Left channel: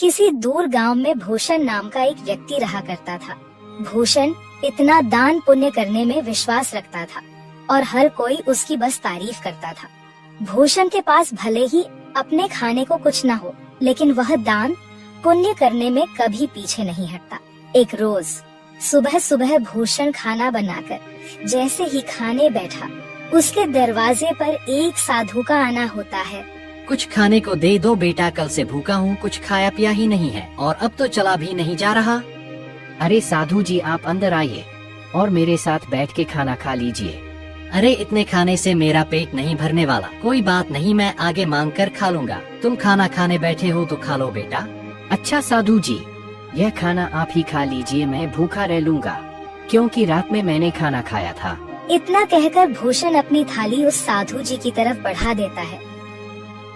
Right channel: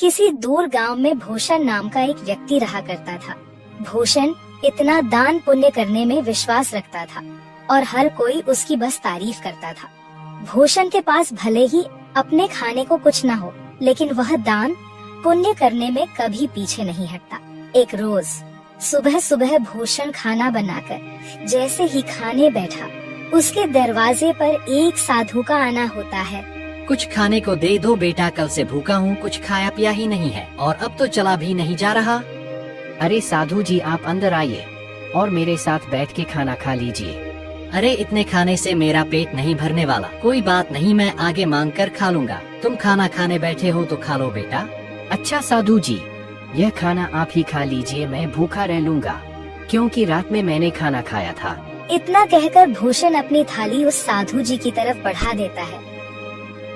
किसी दूर गांव में भूषण नाम का एक व्यक्ति रहा करता था। भूषण इतना दान पुण्य करने में विश्वास रखता था और हर कोई उसकी बस तारीफ करता था। भूषण के पास भले ही अपने खाने को कुछ न हो, लेकिन वह दान पुण्य करने में कभी पीछे नहीं हटता। एक रोज सुबह सुबह भूषण खाना बनाकर जैसे ही खाने बैठा, उसके दरवाजे पर एक साधु का आना होता है। कुछ खाने को दे दो बेटा, कल से भूखा हूँ, कुछ खाया पिया ही नहीं है और अब तो चला भी नहीं जा रहा। अरे साधु जी, आप अंदर आइए और मेरे साथ बैठ के खाना खा लीजिए। अरे इतने खाने से मेरा पेट नहीं भरने वाला। कोई बात नहीं, मैं आगे मांग कर खा लूँगा। तुम खाना खाने बैठे हो तो खा लो बेटा। अच्छा साधु जी, यह खाना आप ही खा लीजिए, मैं भूखा रह लूँगा क्योंकि रात में मैंने खाना खाया था। इतना कहकर भूषण अपनी थाली उस साधु जी की तरफ बढ़ा देता है।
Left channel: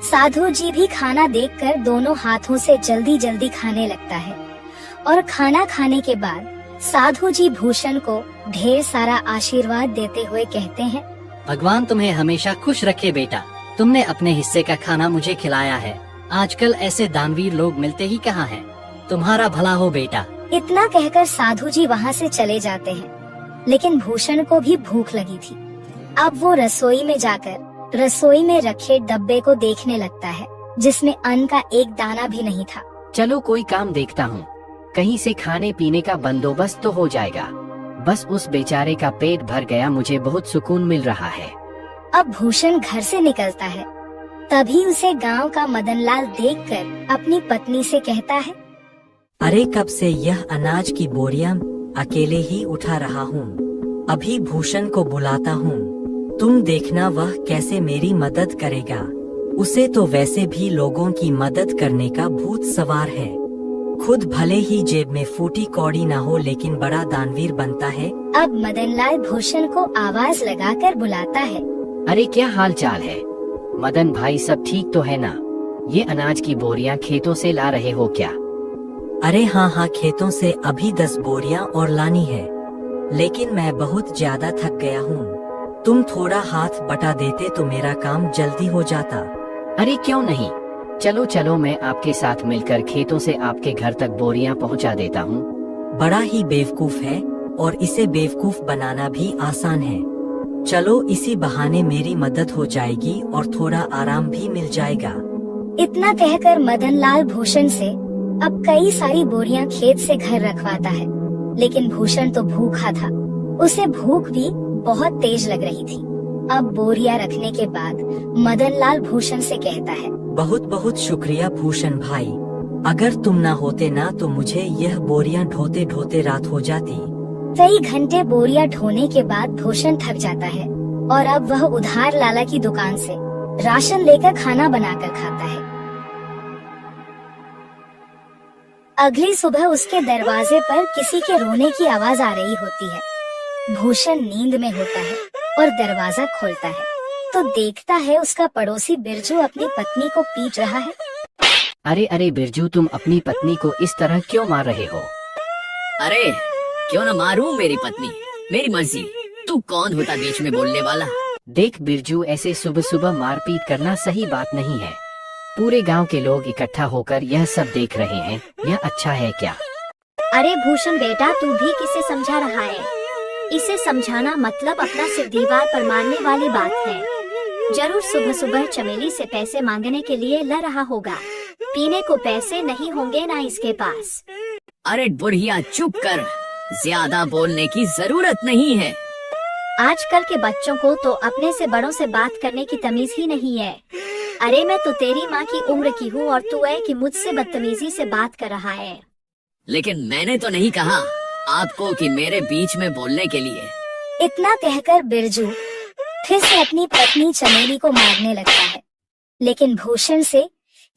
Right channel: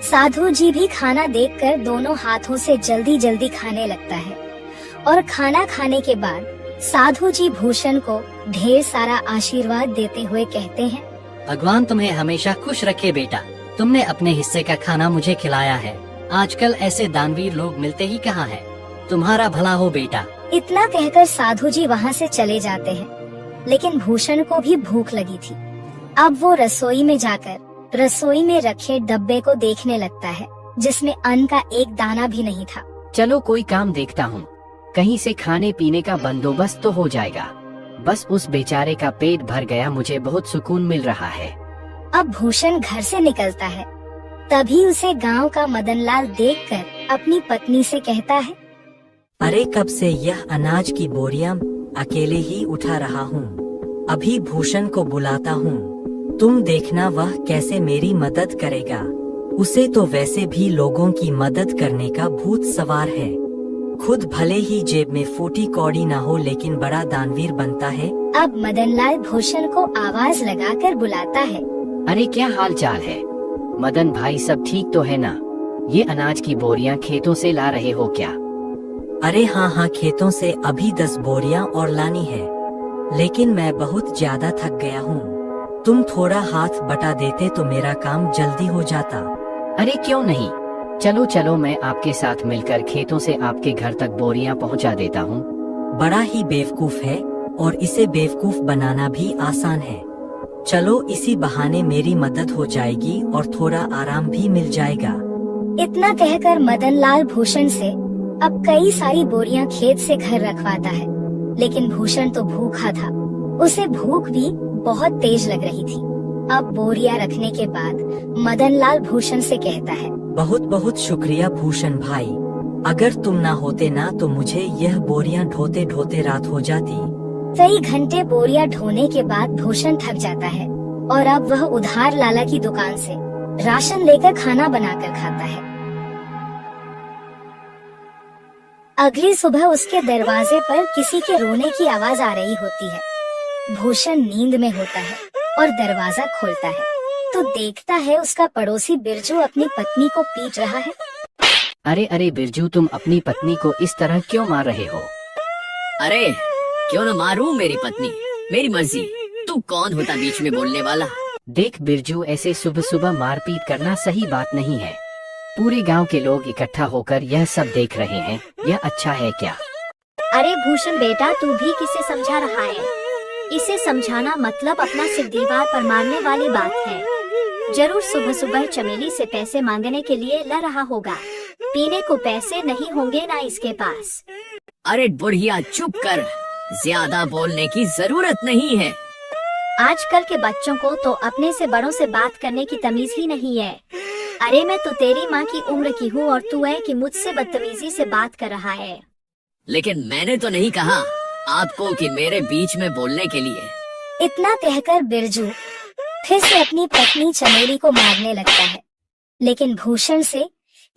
साधु जी भी खाना देखकर दोनों हाथों से जल्दी जल्दी खाने लगता है और खाना खाने के बाद साधु जी भूषण को ढेर सारा आशीर्वाद देते हुए कहते हैं, भगवान तुम्हें हमेशा खुश रखे बेटा। तुमने अपने हिस्से का खाना मुझे खिलाया है। आजकल ऐसे दानवीर लोग मिलते ही कहाँ हैं। तुम्हारा भला हो बेटा। इतना कहकर साधु जी वहाँ से चले जाते हैं। लेकिन भूषण को भी भूख लगी थी। अब वो रसोई में जाकर रसोई में रखे डब्बे को देखने लगता है, जिसमें अन्न का एक दाना भी नहीं था। चलो कोई काम देखता हूँ, कहीं से खाने पीने का बंदोबस्त तो हो जाएगा। बस उस बेचारे का पेट भर गया, मुझे बहुत सुकून मिल रहा है। अब भूषण घर से निकलता है। तभी उसे गांव का मदनलाल देखकर अपनी पत्नी से कहता है, अरे कब से यह अनाज की बोरियां अकेले ही उठा रहा हूँ। अभी भूषण को बुलाता हूँ, तुम देखना वह कैसे मेरी मदद करेगा। उसे तो वैसे भी लोगों की मदद करने का भूत सवार है। खुद भले ही जेब में फूटी कौड़ी ना हो, लेकिन बड़ा दानवीर बनता है। अब मदनलाल भूषण को आवाज लगाकर बुलाता है। अरे क्या हाल चाल है मदन भाई, सब ठीक तो है ना? ये अनाज की बोरियां खेतों से ला रहे हो क्या? अरे हाँ, खेतों से अभी 10 बोरियां और लानी है, लेकिन मैं बहुत ज्यादा थक गया हूँ। तुम थोड़ा हाथ बटा देते तो मेरा काम जल्दी हो जाता। अरे क्यों नहीं, चलो चलो, मैं आपके साथ मिलकर खेतों से आपके घर तक बोरियां पहुंचा देता हूं। बड़ा ही बेवकूफ है और इसे बेवकूफ बनाना भी आसान है। चलो इसी बहाने मेरी मदद हो जाएगी और थोड़ा आराम भी मिल जाएगा। इतना कहकर मदनलाल भूषण से अब कई सारी बोरियां खेत से घर रखवाता है। लेकिन भूषण तो भूखा था, उसे भूख भी बहुत तेज लग रही थी। अब बोरियां रखने के बाद मदनलाल भूषण से कहता है, बहुत बहुत शुक्रिया भूषण भाई। अगर तुम ना होते ना तो मुझे यह बोरियां ढोते ढोते रात हो जाती। कई घंटे बोरियां ढोने के बाद भूषण थक जाता है और अब वह उधार लाला की दुकान से राशन लेकर खाना बनाकर खाता है। अगली सुबह उसके दरवाजे पर किसी के रोने की आवाज आ रही होती है। भूषण नींद में होता है और दरवाजा खोलता है तो देखता है उसका पड़ोसी बिरजू अपनी पत्नी को पीट रहा है। अरे बिरजू, तुम अपनी पत्नी को इस तरह क्यों मार रहे हो? अरे क्यों न मारूं मेरी पत्नी, मेरी मर्जी। तू कौन होता बीच में बोलने वाला? देख बिरजू, ऐसे सुबह सुबह मारपीट करना सही बात नहीं है। पूरे गांव के लोग इकट्ठा होकर यह सब देख रहे हैं, यह अच्छा है क्या? अरे भूषण बेटा, तू भी किसे समझा रहा है? इसे समझाना मतलब अपना सिर दीवार पर मारने वाली बात है। जरूर सुबह सुबह चमेली से पैसे मांगने के लिए ला रहा होगा। पीने को पैसे नहीं होंगे ना इसके पास। अरे बुढ़िया चुप कर, ज्यादा बोलने की जरूरत नहीं है। आजकल के बच्चों को तो अपने से बड़ों से बात करने की तमीज ही नहीं है। अरे मैं तो तेरी माँ की उम्र की हूँ और तू है कि मुझसे बदतमीजी से बात कर रहा है। लेकिन मैंने तो नहीं कहा आपको कि मेरे बीच में बोलने के लिए। इतना कहकर बिरजू फिर से अपनी पत्नी चमेली को मारने लगता है। लेकिन भूषण से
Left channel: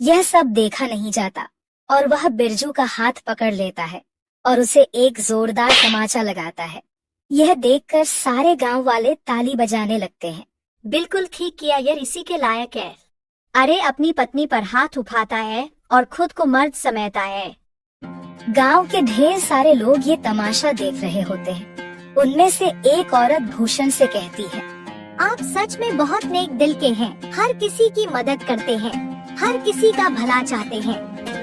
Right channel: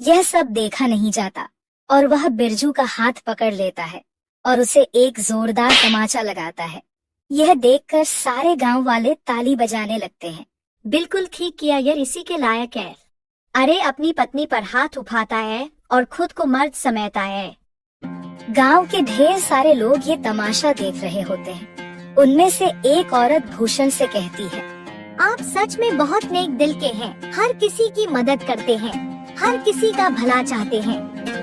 यह सब देखा नहीं जाता और वह बिरजू का हाथ पकड़ लेता है और उसे एक जोरदार तमाचा लगाता है। यह देखकर सारे गांव वाले ताली बजाने लगते हैं। बिल्कुल ठीक किया, यह इसी के लायक है। अरे अपनी पत्नी पर हाथ उठाता है और खुद को मर्द समझता है। गांव के ढेर सारे लोग ये तमाशा देख रहे होते हैं। उनमें से एक औरत भूषण से कहती है, आप सच में बहुत नेक दिल के हैं, हर किसी की मदद करते हैं, हर किसी का भला चाहते हैं।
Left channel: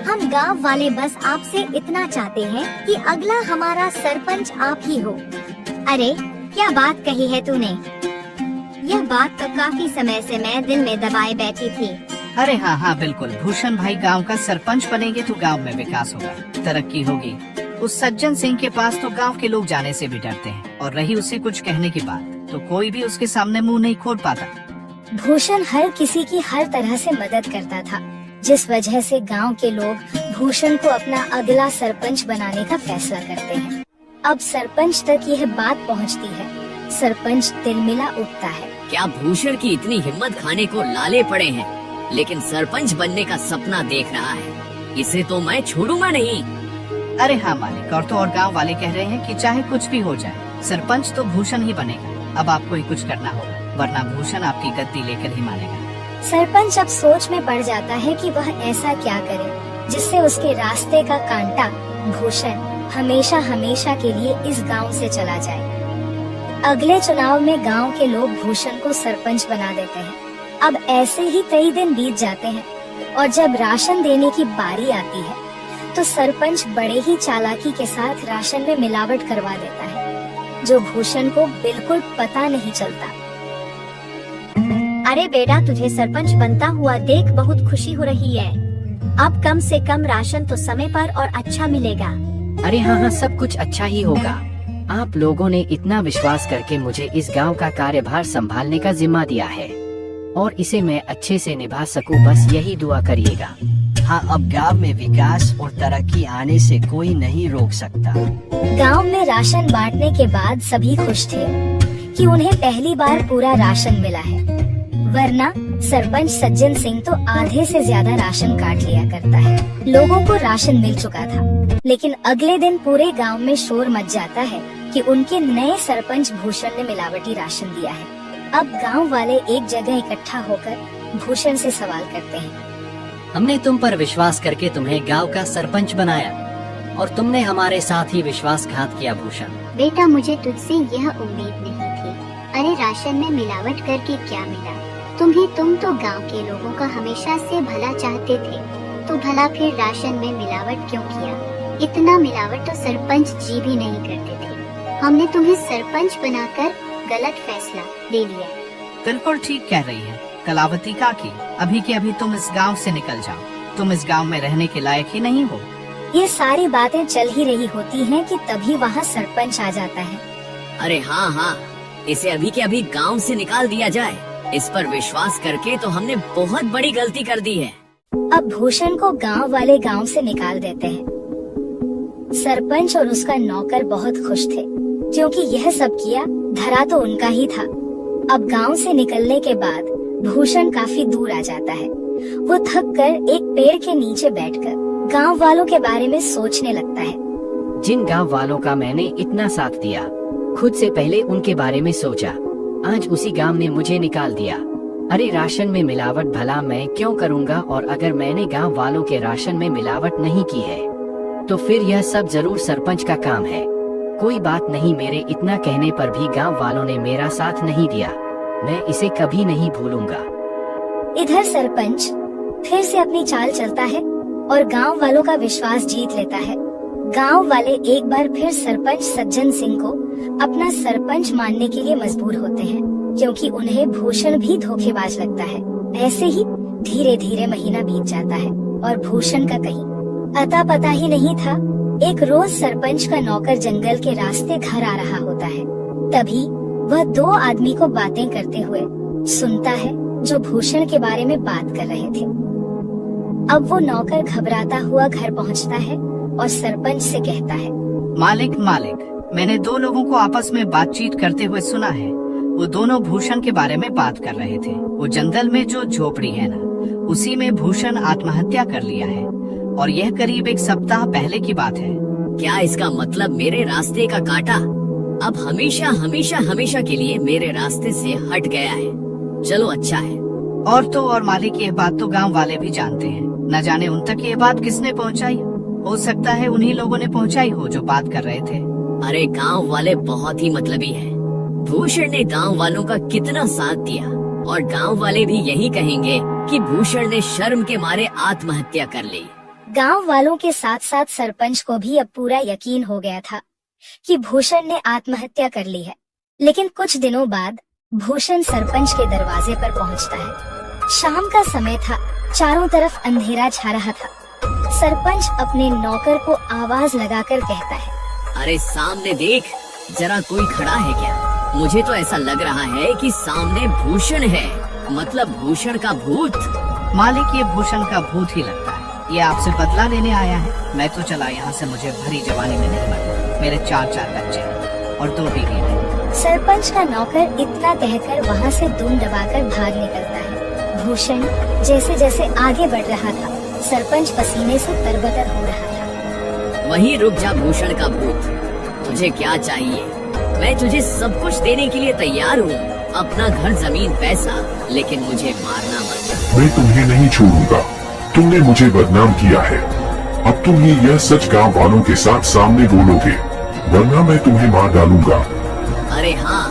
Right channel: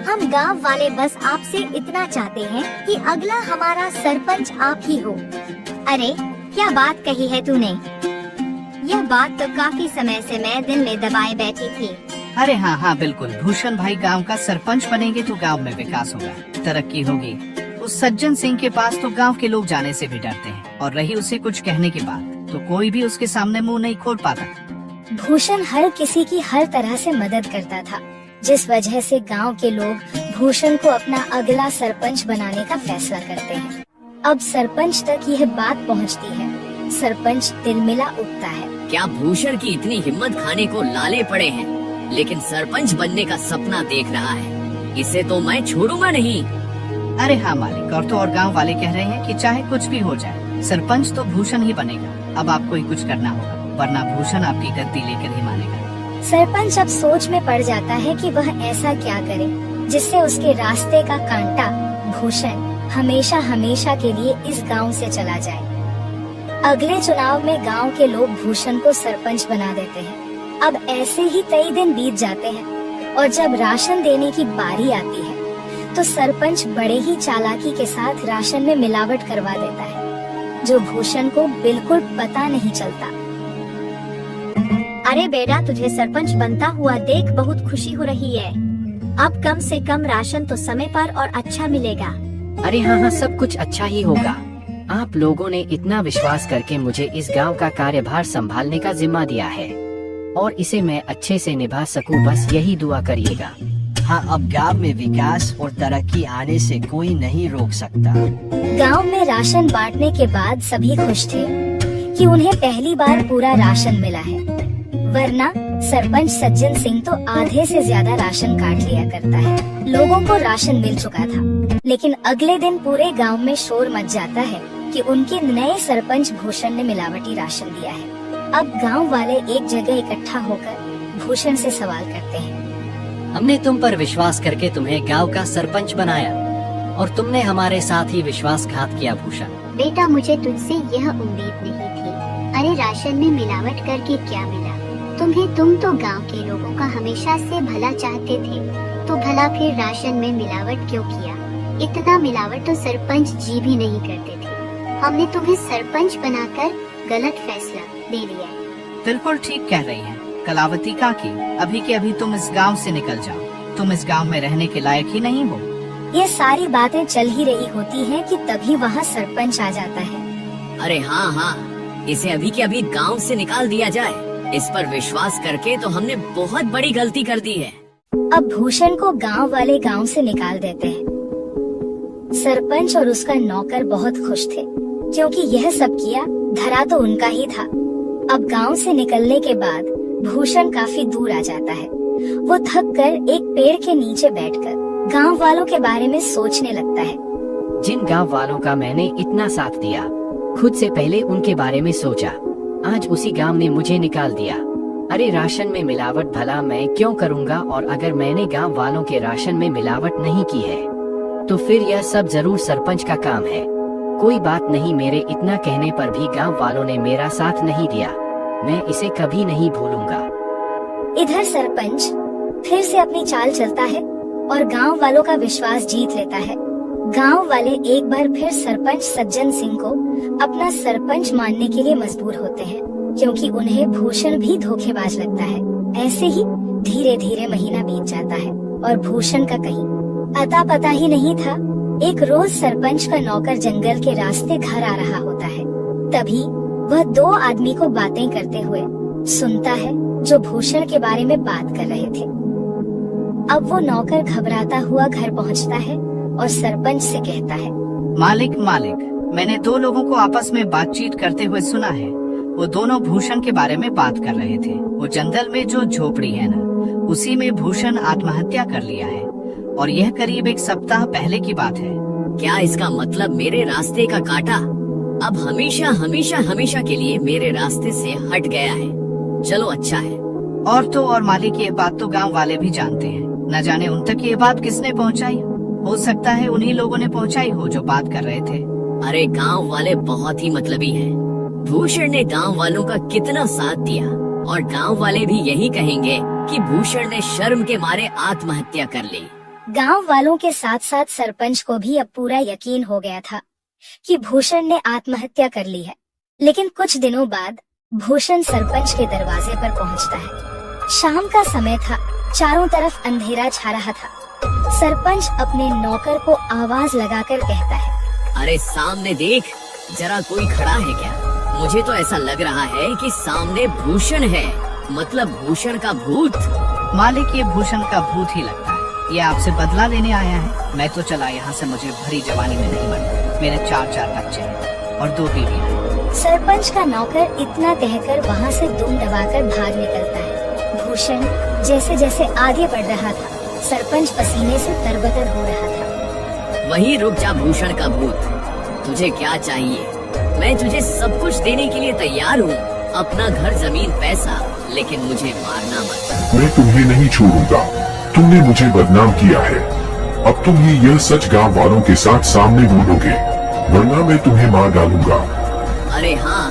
हम गांव वाले बस आपसे इतना चाहते हैं कि अगला हमारा सरपंच आप ही हो। अरे क्या बात कही है तूने? यह बात तो काफी समय से मैं दिल में दबाए बैठी थी। अरे हाँ हाँ बिल्कुल, भूषण भाई गांव का सरपंच बनेंगे तो गांव में विकास होगा, तरक्की होगी। उस सज्जन सिंह के पास तो गांव के लोग जाने से भी डरते हैं, और रही उसे कुछ कहने की बात तो कोई भी उसके सामने मुंह नहीं खोल पाता। भूषण हर किसी की हर तरह से मदद करता था, जिस वजह से गांव के लोग भूषण को अपना अगला सरपंच बनाने का फैसला करते हैं। अब सरपंच तक यह बात पहुंचती है। सरपंच तिलमिला उठता है। क्या भूषण की इतनी हिम्मत खाने को लाले पड़े हैं, लेकिन सरपंच बनने का सपना देख रहा है। इसे तो मैं छोड़ूंगा नहीं। अरे हाँ मालिक, और तो और गांव वाले कह रहे हैं कि चाहे कुछ भी हो जाए, सरपंच तो भूषण ही बनेगा। अब आपको ही कुछ करना होगा, वरना भूषण आपकी गद्दी लेकर ही मानेगा। सरपंच अब सोच में पड़ जाता है कि वह ऐसा क्या करे जिससे उसके रास्ते का कांटा भूषण हमेशा हमेशा के लिए इस गांव से चला जाए। अगले चुनाव में गांव के लोग भूषण को सरपंच बना देते हैं। अब ऐसे ही कई दिन बीत जाते हैं, और जब राशन देने की बारी आती है तो सरपंच बड़े ही चालाकी के साथ राशन में मिलावट करवा देता है, जो भूषण को बिल्कुल पता नहीं चलता। अरे बेटा, तुझे सरपंच बनता हुआ देख बहुत खुशी हो रही है। अब कम से कम राशन तो समय पर और अच्छा मिलेगा। अरे हाँ हाँ, सब कुछ अच्छा ही होगा। आप लोगों ने इतना विश्वास करके मुझे इस गांव का कार्यभार संभालने का जिम्मा दिया है, और इसे मैं अच्छे से निभा सकूं, बस यही दुआ करिएगा। हाँ, अब गांव में विकास और तरक्की आने से कोई नहीं रोक सकता। गांव में राशन बांटने के बाद सभी खुश थे कि उन्हें पहली बार पूरा राशन मिला है, वरना सरपंच सज्जन सिंह तो आधे से ज्यादा राशन काट लिया करता है। लोगों को राशन मिल चुका था, लेकिन अगले दिन पूरे गांव में शोर मच जाता है कि उनके नए सरपंच भूषण ने मिलावटी राशन दिया है। अब गांव वाले एक जगह इकट्ठा होकर भूषण से सवाल करते हैं। हमने तुम पर विश्वास करके तुम्हें गांव का सरपंच बनाया, और तुमने हमारे साथ ही विश्वासघात किया भूषण। बेटा, मुझे तुझसे यह उम्मीद नहीं थी। अरे राशन में मिलावट करके क्या मिला तुम्हें? तुम तो गांव के लोगों का हमेशा से भला चाहते थे, तो भला फिर राशन में मिलावट क्यों किया? इतना मिलावट तो सरपंच जी भी नहीं करते थे। हमने तुम्हें सरपंच बनाकर गलत फैसला ले लिया। बिल्कुल ठीक कह रही हैं कलावती काकी, अभी के अभी तुम इस गांव से निकल जाओ। तुम इस गांव में रहने के लायक ही नहीं हो। ये सारी बातें चल ही रही होती हैं कि तभी वहाँ सरपंच आ जाता है। अरे हाँ हाँ, इसे अभी के अभी गांव से निकाल दिया जाए। इस पर विश्वास करके तो हमने बहुत बड़ी गलती कर दी है। अब भूषण को गांव वाले गांव से निकाल देते हैं। सरपंच और उसका नौकर बहुत खुश थे, क्योंकि यह सब किया धरा तो उनका ही था। अब गांव से निकलने के बाद भूषण काफी दूर आ जाता है। वो थक कर एक पेड़ के नीचे बैठकर गांव वालों के बारे में सोचने लगता है। जिन गांव वालों का मैंने इतना साथ दिया, खुद से पहले उनके बारे में सोचा। आज उसी गांव ने मुझे निकाल दिया। अरे राशन में मिलावट भला मैं क्यों करूंगा, और अगर मैंने गांव वालों के राशन में मिलावट नहीं की है तो फिर यह सब जरूर सरपंच का काम है। कोई बात नहीं, मेरे इतना कहने पर भी गांव वालों ने मेरा साथ नहीं दिया। मैं इसे कभी नहीं भूलूंगा। इधर सरपंच फिर से अपनी चाल चलता है और गांव वालों का विश्वास जीत लेता है। गांव वाले एक बार फिर सरपंच सज्जन सिंह को अपना सरपंच मानने के लिए मजबूर होते हैं, क्योंकि उन्हें भूषण भी धोखेबाज लगता है। ऐसे ही धीरे धीरे महीना बीत जाता है और भूषण का कहीं अता पता ही नहीं था। एक रोज सरपंच का नौकर जंगल के रास्ते घर आ रहा होता है। तभी वह दो आदमी को बातें करते हुए सुनता है, जो भूषण के बारे में बात कर रहे थे। अब वो नौकर घबराता हुआ घर पहुंचता है और सरपंच से कहता है, मालिक मालिक, मैंने दो लोगों को आपस में बातचीत करते हुए सुना है। वो दोनों भूषण के बारे में बात कर रहे थे। वो जंगल में जो झोपड़ी है ना, उसी में भूषण आत्महत्या कर लिया है, और यह करीब एक सप्ताह पहले की बात है। क्या इसका मतलब मेरे रास्ते का कांटा अब हमेशा हमेशा हमेशा के लिए मेरे रास्ते से हट गया है? चलो अच्छा है। और तो और मालिक, यह बात तो गांव वाले भी जानते हैं। न जाने उन तक ये बात किसने पहुंचाई। हो सकता है उन्हीं लोगों ने पहुंचाई हो जो बात कर रहे थे। अरे गांव वाले बहुत ही मतलबी हैं। भूषण ने गांव वालों का कितना साथ दिया, और गांव वाले भी यही कहेंगे कि भूषण ने शर्म के मारे आत्महत्या कर ली। गांव वालों के साथ साथ सरपंच को भी अब पूरा यकीन हो गया था कि भूषण ने आत्महत्या कर ली है। लेकिन कुछ दिनों बाद भूषण सरपंच के दरवाजे पर पहुंचता है। शाम का समय था, चारों तरफ अंधेरा छा रहा था। सरपंच अपने नौकर को आवाज लगाकर कहता है, अरे सामने देख, जरा कोई खड़ा है क्या? मुझे तो ऐसा लग रहा है कि सामने भूषण है, मतलब भूषण का भूत। मालिक, ये भूषण का भूत ही लगता है। ये आपसे बदला लेने आया है। मैं तो चला यहाँ से, मुझे भरी जवानी में नहीं मरना। मेरे 4 बच्चे हैं और 2 बीवियां हैं। सरपंच का नौकर इतना कहकर वहाँ से दुम दबाकर भाग निकलता है। भूषण जैसे जैसे आगे बढ़ रहा था, सरपंच पसीने से तरबतर हो रहा था। वहीं रुक जा भूषण का भूत, तुझे क्या चाहिए? मैं तुझे सब कुछ देने के लिए तैयार हूँ, अपना घर, जमीन, पैसा, लेकिन मुझे मारना मत। मैं तुम्हें नहीं छोड़ूंगा। तुमने मुझे बदनाम किया है। अब तुम यह सच गांव वालों के साथ सामने बोलोगे, वरना मैं तुम्हें मार डालूंगा। अरे हाँ,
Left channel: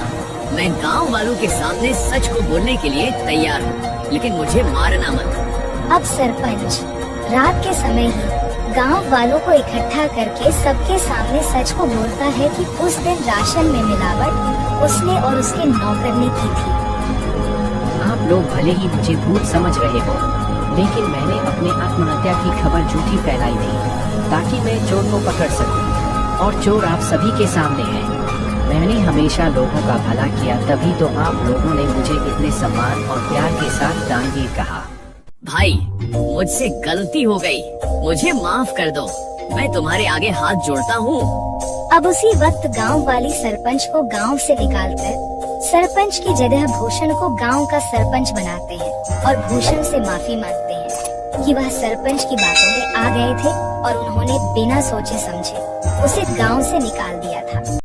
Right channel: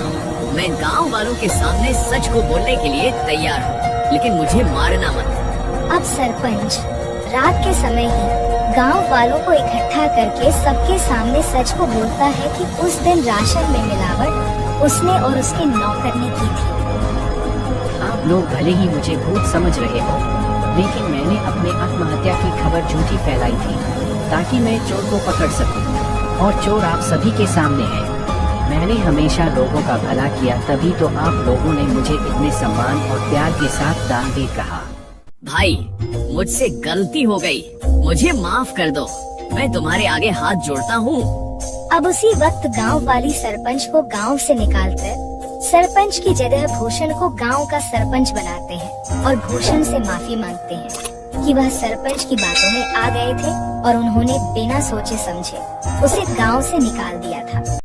मैं गांव वालों के सामने सच को बोलने के लिए तैयार हूँ, लेकिन मुझे मारना मत। अब सरपंच रात के समय ही गांव वालों को इकट्ठा करके सबके सामने सच को बोलता है कि उस दिन राशन में मिलावट उसने और उसके नौकर ने की थी। आप लोग भले ही मुझे भूत समझ रहे हो, लेकिन मैंने अपने आत्महत्या की खबर झूठी फैलाई थी ताकि मैं चोर को पकड़ सकूं, और चोर आप सभी के सामने है। मैंने हमेशा लोगों का भला किया, तभी तो आप लोगों ने मुझे इतने सम्मान और प्यार के साथ दानवीर कहा। भाई, मुझसे गलती हो गई, मुझे माफ कर दो। मैं तुम्हारे आगे हाथ जोड़ता हूँ। अब उसी वक्त गांव वाली सरपंच को गांव से निकालकर सरपंच की जगह भूषण को गांव का सरपंच बनाते हैं और भूषण से माफी मांगते हैं कि वह सरपंच की बातों में आ गए थे और उन्होंने बिना सोचे समझे उसे गांव से निकाल दिया था।